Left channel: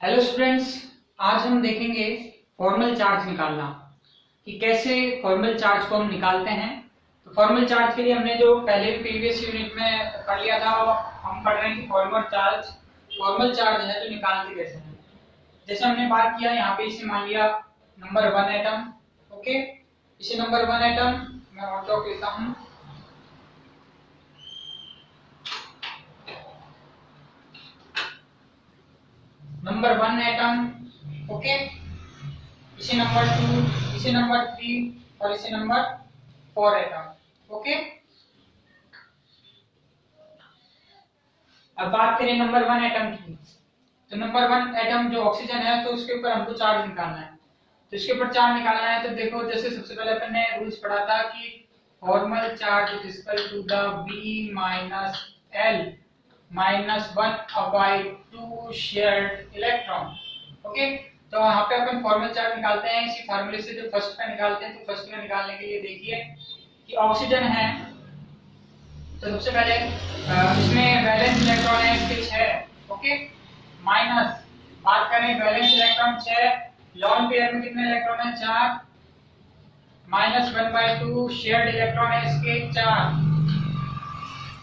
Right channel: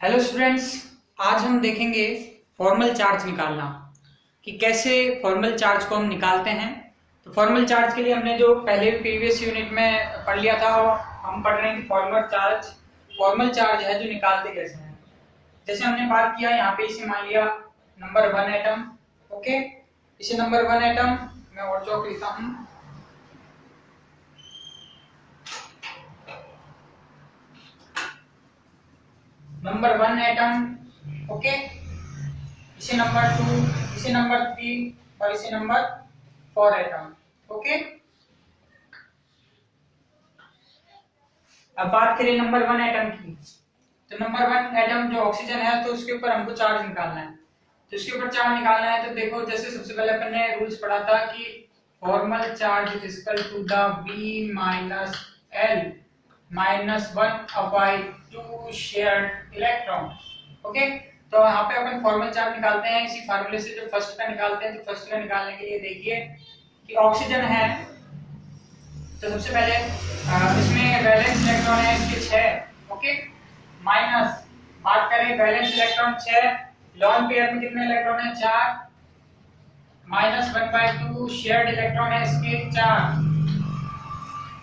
Hello students, आज हम देखेंगे फॉर्मल चार्ज निकालना कि कैसे फॉर्मल चार्ज को हम निकालते हैं। तो फॉर्मल चार्ज के लिए हमने जो पहले प्रीवियस यूनिट में पढ़ लिया था वो हम पढ़ रहे हैं कि फॉर्मल चार्ज है जो निकालते कैसे हैं। जैसे हमने बात किया यहाँ पे इसे मान लिया नंबर 1 एटम। ओके, इसे नंबर 1 एटम मैं और चौक लेता हूँ। नंबर 1 एटम, ओके, इसे नंबर 2, इसे नंबर 3 और इसे नंबर 4 एटम। ओके, अब बात करें नंबर 1 एटम की। तो नंबर 1 एटम जो ऑक्सीजन है तो उसके ऊपर हमको चार्ज निकालना है। तो इसके ऊपर चार्ज निकालना है तो देखो, जैसे सबसे पहले अपन ने रूल्स पढ़ा था कि formal charge is equal to the V minus L minus 1/2 shared electron. Okay, तो यहाँ पे अपन फॉर्मल चार्ज निकालते हैं इसी फार्मूले से। जो फर्स्ट का निकालते हैं तो फर्स्ट का निकालने के लिए देखिए कि ऑक्सीजन है तो सबसे पहले इसमें वैलेंस इलेक्ट्रॉन है इसके 6। ओके, माइनस बात करें वैलेंस इलेक्ट्रॉन 6, लोन पेयर में कितने इलेक्ट्रॉन है 4, माइनस 1/2 शेयर्ड इलेक्ट्रॉन है इसके 4,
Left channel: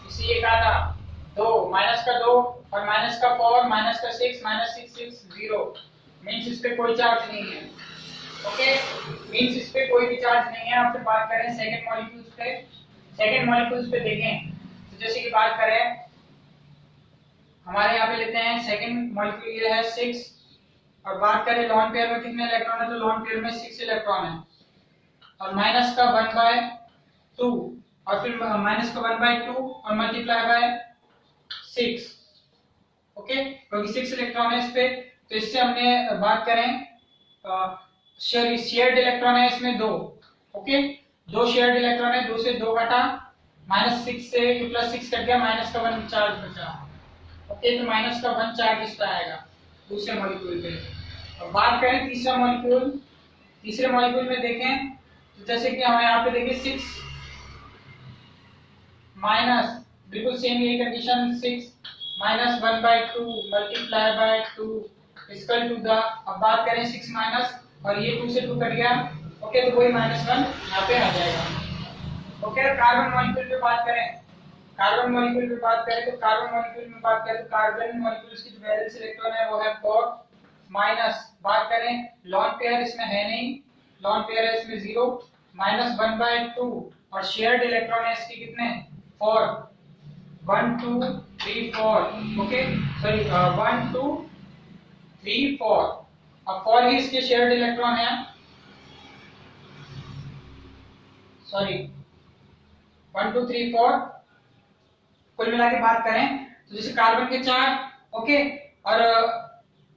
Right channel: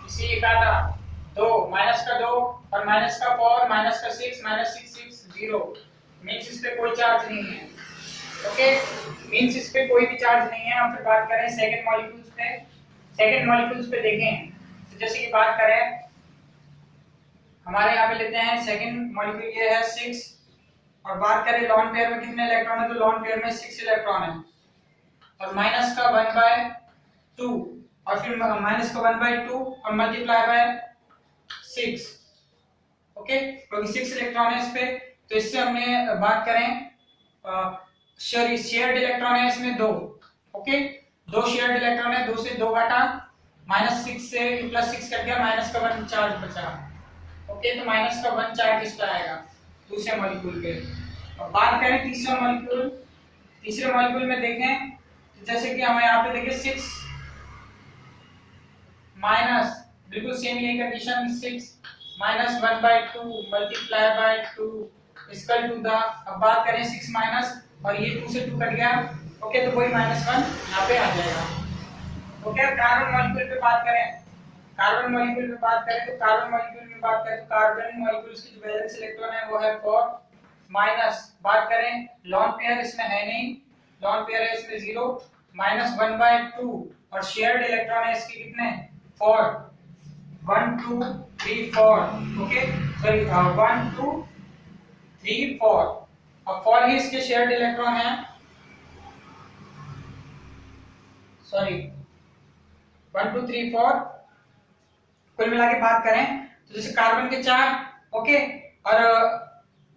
इसी एक आधा 2, माइनस का 2 और माइनस का 4, माइनस का 6, माइनस 6 6 0, मींस इस पे कोई चार्ज नहीं है। ओके, मींस इस पे कोई भी चार्ज नहीं है। अब फिर बात करें सेकंड मॉलिक्यूल्स पे। सेकंड मॉलिक्यूल्स पे देखें तो जैसे कि बात करें हमारे यहाँ पे लेते हैं सेकंड मॉलिक्यूल ये है 6 और बात करें लोन पेयर में कितने इलेक्ट्रॉन है तो लोन पेयर में 6 इलेक्ट्रॉन है और माइनस का 1/2 और फिर माइनस का 1/2 और मल्टीप्लाई बाय 6। ओके, क्योंकि 6 इलेक्ट्रॉन है इस पे तो इससे हमने बात करें शेयर्ड इलेक्ट्रॉन है इसमें 2। ओके, 2 शेयर्ड इलेक्ट्रॉन है, 2 से 2 घटा, माइनस 6 से प्लस 6 कट गया, माइनस का 1 चार्ज बचा। ओके, तो माइनस का 1 चार्ज इस पे आएगा दूसरे मॉलिक्यूल पे। और बात करें तीसरा मॉलिक्यूल, तीसरे मॉलिक्यूल में देखें तो जैसे कि हमें यहाँ पे देखिए 6 माइनस, बिल्कुल सेम यही condition, 6 minus 1/2 multiply by 2 equal to the, अब बात करें 6 माइनस और ये 2 से 2 कट गया। ओके, तो वही -1 यहाँ पे आ जाएगा। ओके, कार्बन मॉलिक्यूल पे बात करें, कार्बन मॉलिक्यूल पे बात करें तो कार्बन मॉलिक्यूल में बात करें तो कार्बन मॉलिक्यूल्स की जो वैलेंस इलेक्ट्रॉन है वो है 4, माइनस बात करें लोन पेयर इसमें है नहीं, लोन पेयर है इसमें 0, माइनस 1/2 और शेयर्ड इलेक्ट्रॉन है इसके कितने 4, 1 2 3 4। ओके, सॉरी 1 2 3 4, अब 4 ही इसके शेयर्ड इलेक्ट्रॉन है, सॉरी 1 2 3 4। कुल मिला के बात करें तो जैसे कार्बन के 4, ओके, और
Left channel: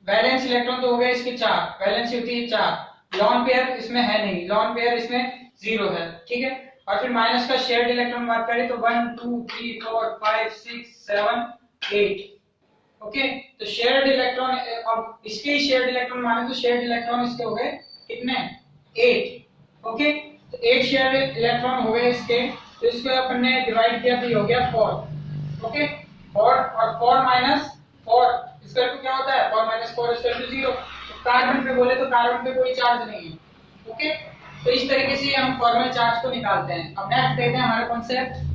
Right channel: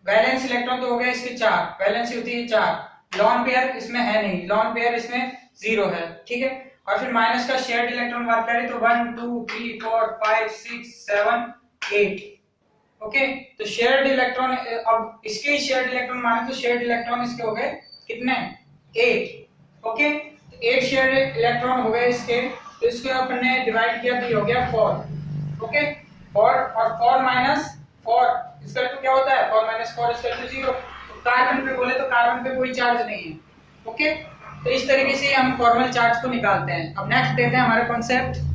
वैलेंस इलेक्ट्रॉन तो हो गए इसके 4, वैलेंसी होती है 4, लोन पेयर इसमें है नहीं, लोन पेयर इसमें 0 है। ठीक है, और फिर माइनस का शेयर्ड इलेक्ट्रॉन बात करें तो 1 2 3 4 5 6 7 8। ओके, तो शेयर्ड इलेक्ट्रॉन, अब इसके ही शेयर्ड इलेक्ट्रॉन माने तो शेयर्ड इलेक्ट्रॉन इसके हो गए कितने 8। ओके, तो 8 शेयर्ड इलेक्ट्रॉन हो गए इसके, तो इसको अपन ने डिवाइड किया तो ये हो गया 4। ओके, 4 और 4 माइनस 4 इसका तो क्या होता है 4 माइनस 4 इसका तो 0। तो कार्बन पे बोले तो कार्बन पे कोई चार्ज नहीं है। ओके, तो इस तरीके से हम फॉर्मल चार्ज को निकालते हैं। अब नेक्स्ट देखते हैं हमारा कॉन्सेप्ट।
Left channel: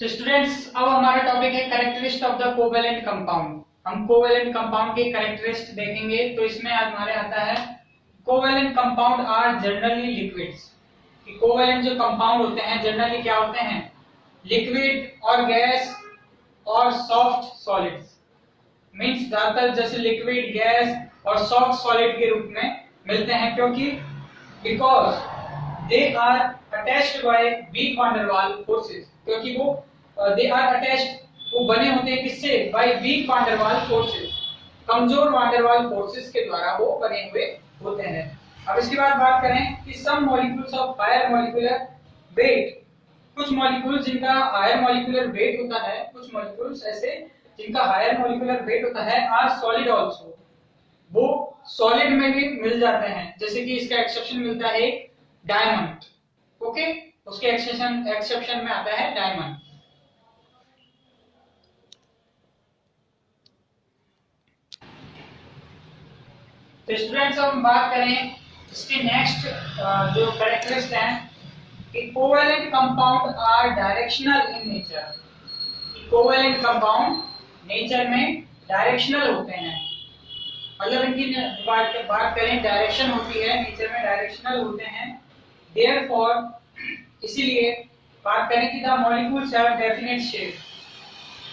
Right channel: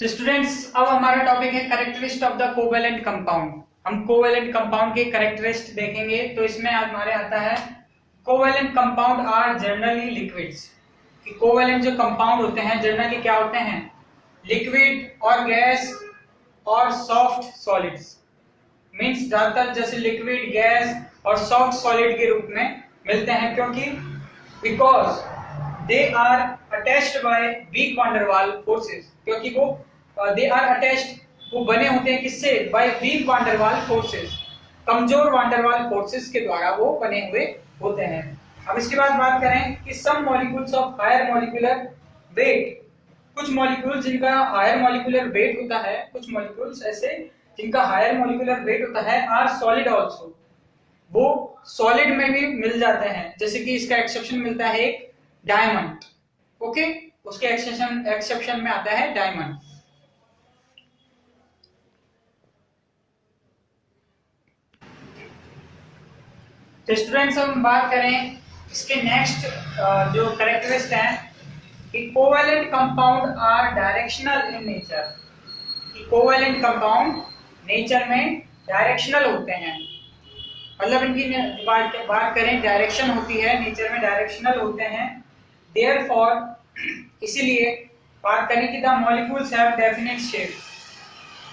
तो स्टूडेंट्स, अब हमारा टॉपिक है characteristic of the covalent compound. हम कोवेलेंट कंपाउंड के कैरेक्टरिस्टिक देखेंगे। तो इसमें हमारे आता है covalent compound are generally liquids, कि कोवेलेंट जो कंपाउंड होते हैं जनरली क्या होते हैं लिक्विड और गैस और सॉफ्ट सॉलिड्स। मींस ज्यादातर जैसे लिक्विड, गैस और सॉफ्ट सॉलिड के रूप में मिलते हैं, क्योंकि because they are attached by weak van der Waals forces, क्योंकि वो दे आर अटैच्ड, वो बने होते हैं किससे by weak van der Waals forces, कमजोर वान डेर वाल फोर्सेस के द्वारा वो बने हुए होते हैं। अब इसके बाद बात करें कि some molecules of higher molecular weight, कुछ मॉलिक्यूल्स जिनका हायर मॉलिक्यूलर वेट होता है, कुछ मॉलिक्यूल्स ऐसे जिनका हायर मॉलिक्यूलर वेट होता है आर सॉलिड आल्सो, वो सॉलिड में भी मिल जाते हैं। जैसे कि इसका एक्सेप्शन मिलता है डायमंड। ओके, उसके एक्सेप्शन में आता है डायमंड। तो स्टूडेंट्स हम बात करें इसके नेक्स्ट जो कैरेक्टरिस्टिक हैं कि covalent compound are directional in nature. Covalent compound nature में डायरेक्शनल होते हैं, मतलब इनकी बात करें डायरेक्शन होती है, नेचर में डायरेक्शनल होते हैं। देयरफॉर इसीलिए बात करें कि the molecules have definite shape,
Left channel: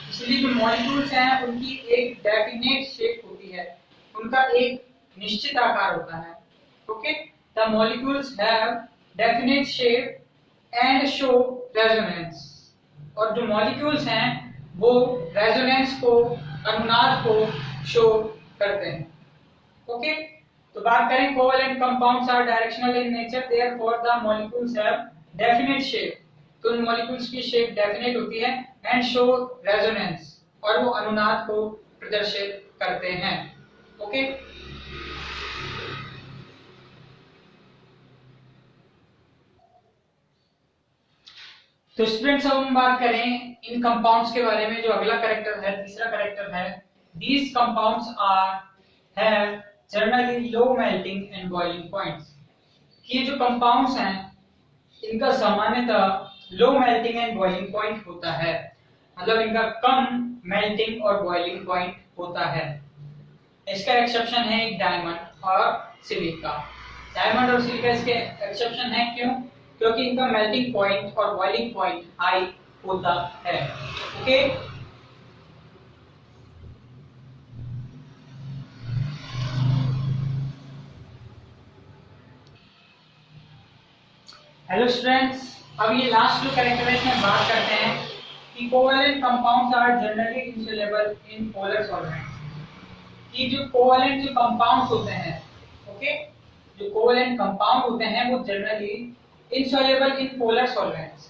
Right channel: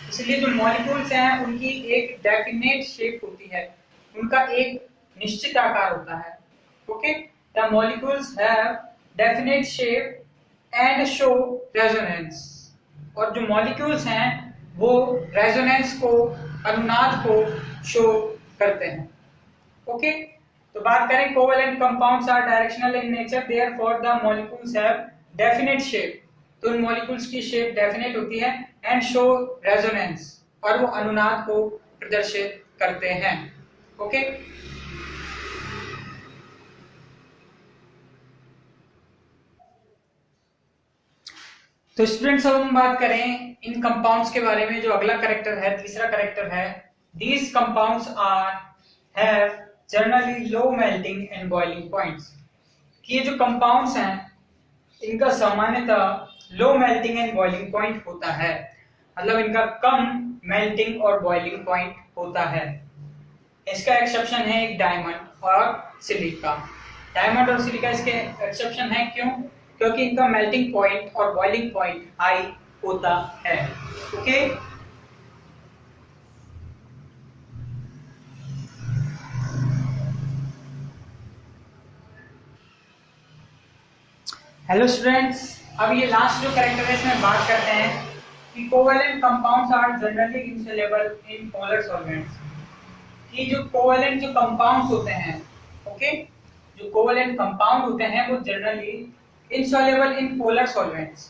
इसलिए जो मॉलिक्यूल्स हैं उनकी एक डेफिनेट शेप होती है, उनका एक निश्चित आकार होता है। Okay, the molecules have definite shape and show resonance, और जो मॉलिक्यूल्स हैं वो रेजोनेंस को, अनुनाद को शो करते हैं। ओके, तो बात करें covalent compounds are directional in nature, therefore the molecules have definite shape, तो उन मॉलिक्यूल्स की शेप डेफिनेट होती है, एंड शो रेजोनेंस, और वो अनुनाद को प्रदर्शित करते हैं। ओके, तो स्टूडेंट्स अब हम बात करें इन कंपाउंड्स के बारे में। जो अगला कैरेक्टर है, तीसरा कैरेक्टर है, these compounds are have generally low melting and boiling points, कि ये जो कंपाउंड्स हैं इनका सामान्यतः low melting and boiling point होता है, मतलब इनका कम मेल्टिंग और बॉइलिंग पॉइंट होता है। इसका एक्सेप्शन है एक डायमंड और सिलिका। डायमंड और सिलिका इसके एक्सेप्शन है, क्यों? क्योंकि इनका मेल्टिंग पॉइंट और बॉइलिंग पॉइंट हाई होता है। ओके, हेलो स्टूडेंट्स, अब ये लास्ट जो कैरेक्टरिस्टिक में बात करते हैं कि covalent compounds are generally insoluble in polar solvents, कि जो कोवेलेंट जो कंपाउंड्स होते हैं, ओके, जो कोवेलेंट कंपाउंड होते हैं वो generally insoluble in polar solvents.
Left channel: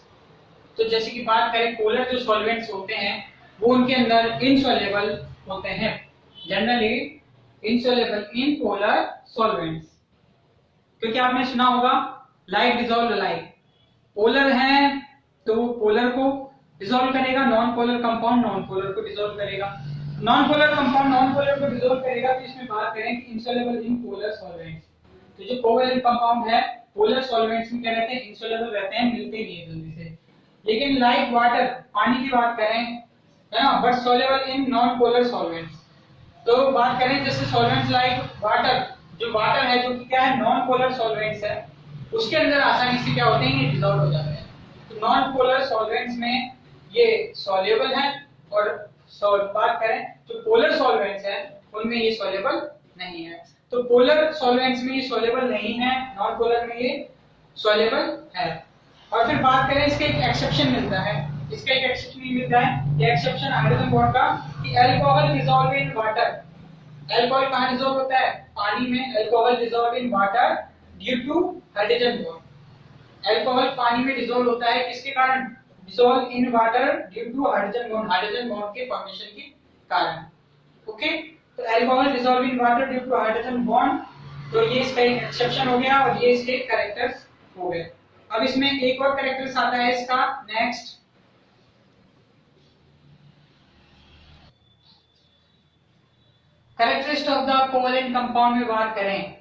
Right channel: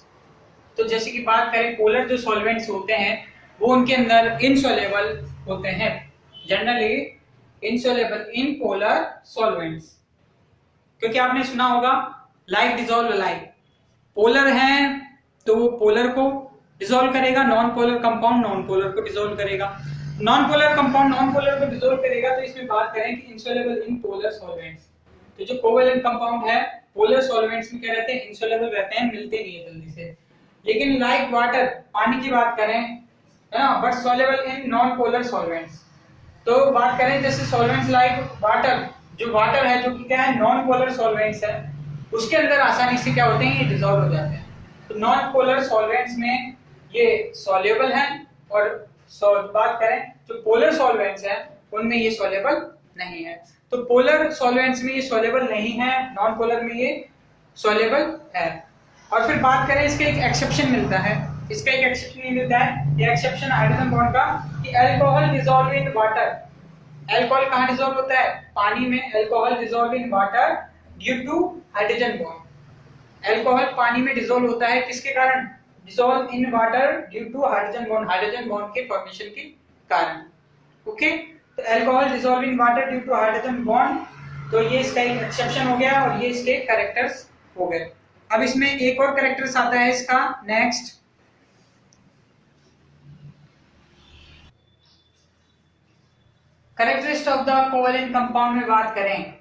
तो जैसे कि बात करें पोलर जो सॉल्वेंट्स होते हैं वो उनके अंदर इनसोल्युबल होते हैं, generally insoluble in polar solvents, क्योंकि आपने सुना होगा लाइक डिसॉल्व लाइक, पोलर है तो वो पोलर को डिसॉल्व करेगा, non polar compound non polar को डिसॉल्व करेगा, non polar compound non polar को डिसॉल्व करेगा। तो इसमें बात करें कि इनसोल्युबल इन पोलर सॉल्वेंट्स, तो जो कोवेलेंट कंपाउंड है पोलर सॉल्वेंट्स में क्या रहते हैं, इनसोल्युबल रहते हैं, मिलते नहीं है जल्दी से। लेकिन लाइक वाटर, पानी की बात करें, है ना, but soluble in non polar solvents. तो बात करें जैसे सॉल्वेंट्स लाइक वाटर, जो वाटर है जो कि क्या है, नॉन पोलर सॉल्वेंट्स है, उसके अंदर आसानी से क्या होते हैं, ये डिसॉल्व हो जाते हैं। तो नॉन पोलर सॉल्वेंट्स में ये सॉल्युबल हैं, और बात करें जो पोलर सॉल्वेंट्स हैं उनमें ये सॉल्युबल नहीं है। तो पोलर सॉल्वेंट्स में ये सॉल्युबल नहीं है, नॉन पोलर में ये सॉल्युबल है। और फिर बात करें इसका एक एक्सेप्शन मिलता है, इसका एक एक्सेप्शन नहीं मिलता है, ये एक्सेप्शन हाइड्रोजन बॉन्ड का, कि alcohol dissolve in water. Alcohol कहाँ डिसॉल्व होता है, पानी में। Alcohol dissolve in water due to hydrogen bond. Alcohol पानी में डिसॉल्व होता है किसके कारण, dissolve in water due to hydrogen bond, hydrogen bond के फॉर्मेशन के कारण। ओके, तो alcohol dissolve in water due to hydrogen bond, तो ये इसका एक एक्सेप्शन हो गया और ये इसके कैरेक्टर्स हो गए। अब इसमें एक और कैरेक्टर्स आता है इसका next, characteristic of the covalent compound में बात करें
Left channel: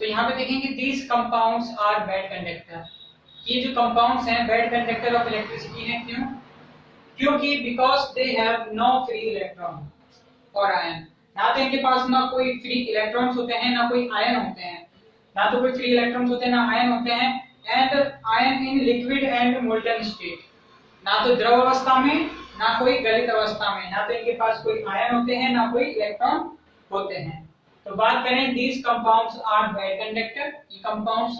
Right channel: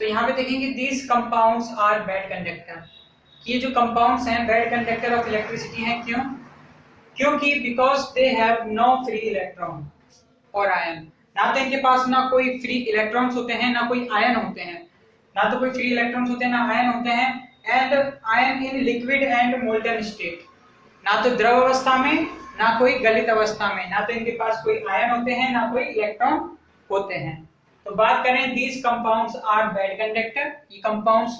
तो यहाँ पे देखेंगे these compounds are bad conductor, ये जो कंपाउंड्स हैं बैड कंडक्टर ऑफ इलेक्ट्रिसिटी हैं। क्यों? क्योंकि because they have no free electron और आयन, ना तो इनके पास ना कोई फ्री इलेक्ट्रॉन्स होते हैं ना कोई आयन होते हैं, ना तो कोई फ्री इलेक्ट्रॉन्स होते हैं ना आयन होते हैं। And ion in liquid and molten state, ना तो द्रव अवस्था में ना कोई गलित अवस्था में, ना तो इनके पास कोई आयन होते हैं ना कोई इलेक्ट्रॉन होते हैं। तो बात करें these compounds are bad conductor, ये कंपाउंड्स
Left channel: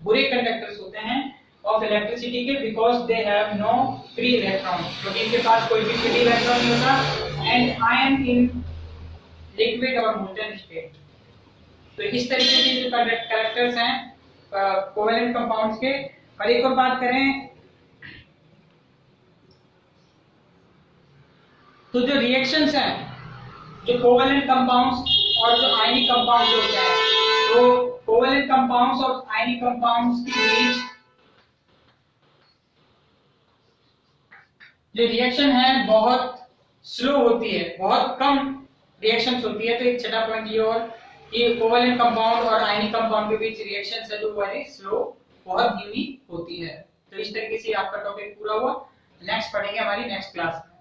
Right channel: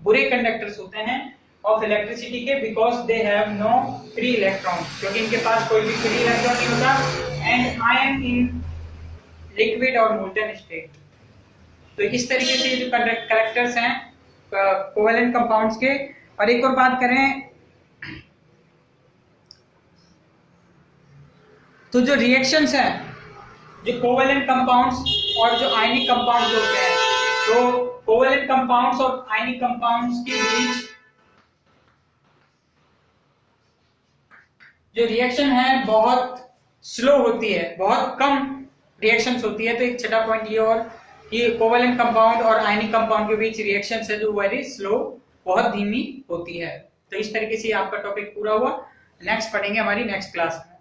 बुरे कंडक्टर्स होते हैं ऑफ इलेक्ट्रिसिटी के, because they have no free electron, क्योंकि इनके पास कोई भी फ्री इलेक्ट्रॉन नहीं होता। एंड आयन इन लिक्विड और मोल्टन स्टेट। तो इस तरीके से जो कैरेक्टर्स हैं कोवेलेंट कंपाउंड्स के। और एक और बात करें तो जो रिएक्शंस हैं जो कोवेलेंट कंपाउंड्स और जो आयनिक कंपाउंड्स होते हैं, तो कोवेलेंट कंपाउंड्स और आयनिक कंपाउंड्स के बीच जो रिएक्शन है बहुत स्लो होती है, बहुत कम रिएक्शंस होती है। तो एक छठा पॉइंट ये और कि कोवेलेंट कंपाउंड और आयनिक कंपाउंड के बीच रिएक्शंस है जो वेरी स्लो, बहुत धीमी होती है। तो इस तरीके से आपका टॉपिक पूरा हुआ। नेक्स्ट पढ़ेंगे हमारी नेक्स्ट क्लास में।